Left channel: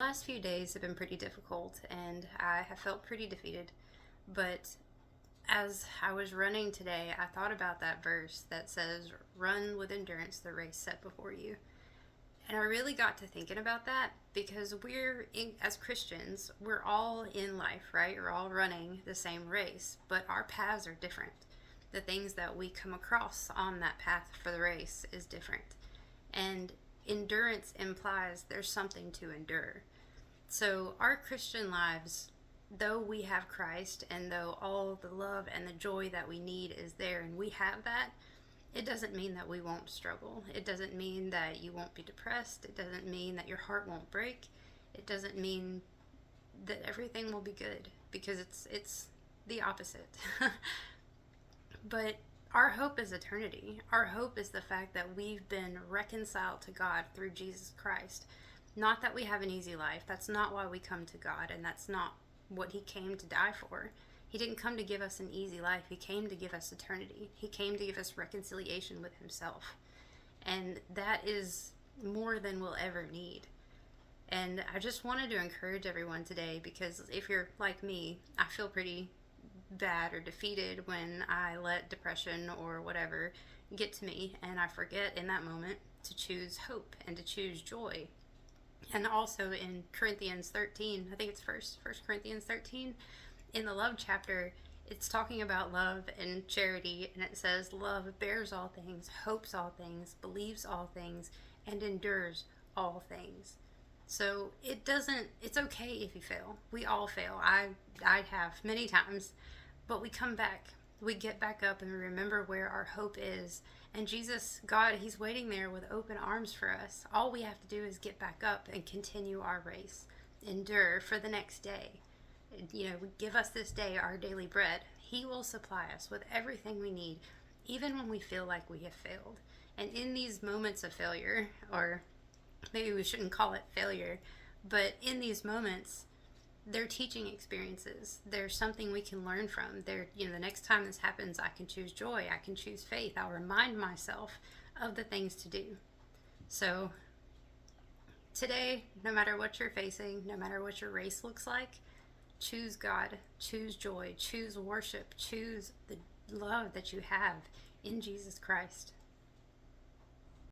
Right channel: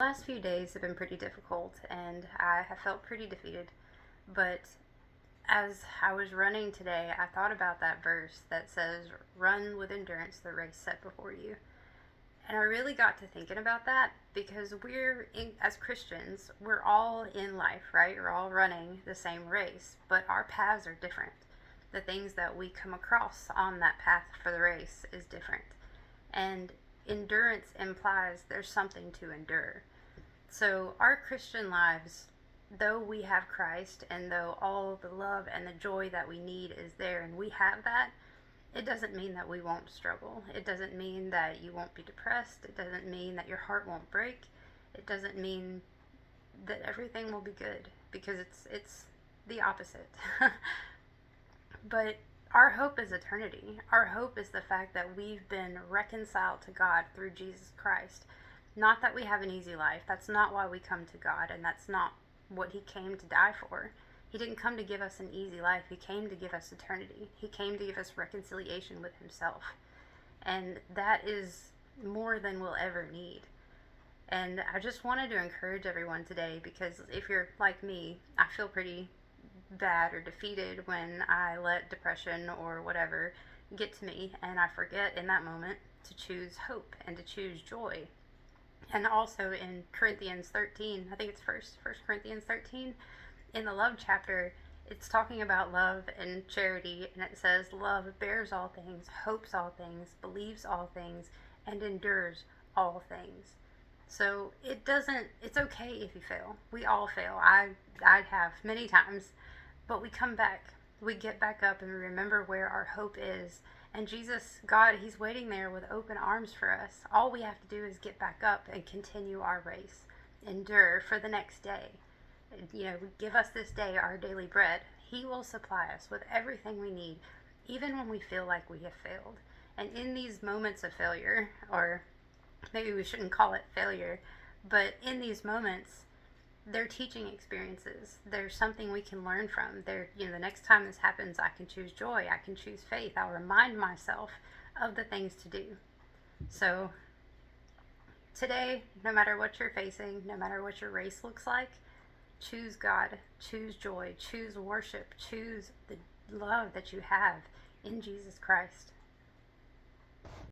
Last few days have been pretty difficult and I have felt pretty defeated. But as I was running today, I thought about that verse that says, "Run with endurance the race set before you." And I really got to thinking about that because as Christians, we're all in life, right? We're all running the same race, but our paths are different. The things that we come across on that path for the race is different. And endurance implies there's something to endure. So, our Christian lives, though we have Christ and though all the love and the joy that we need is there and we have that, it doesn't mean that we won't struggle. It doesn't mean that you won't be depressed. It doesn't mean that your heart won't break. It doesn't mean that everything will be good because it's the opposite. But our hope is eternity. Our hope is the fact that we've been reconciled to God through Jesus Christ. Not that we have an easy life. That's not why we come to God, and that's not what He came to die for. He didn't come to give us an easy life. He came to give us eternity. He came to give us reconciliation with Himself. And that is more than we'll ever need. And I just wanted to encourage everyone today because if you're like me, I feel pretty bad or defeated when I let depression or whatever get to me, and I forget in that moment to choose hope and to choose joy. And also in Corinthians 13, I think it's first Corinthians 13, in the love chapter, it's talking about love and charity, and it says love bears all things, hopes all things, believes all things, and endures all things. So it's okay if you fail. We all fail. I have many times, but we come back. We get back up and we remember where our hope is. And Jesus, God, He's waiting there with open arms for us. All we have to do is get back up and continue our race, endure for the next day. Give us this day our daily bread. He will supply us with everything we need, even when we feel like we have failed. And in these moments of failure, or maybe we shouldn't call it failure, but in these moments, they're teaching experiences. There's something we can learn from. The next time this happens, I can choose joy. I can choose faith. I'll remind myself of the things to do. So today, no matter what you're facing, no matter what your race looks like, choose God, choose joy, choose worship, choose the love that you have in Jesus Christ.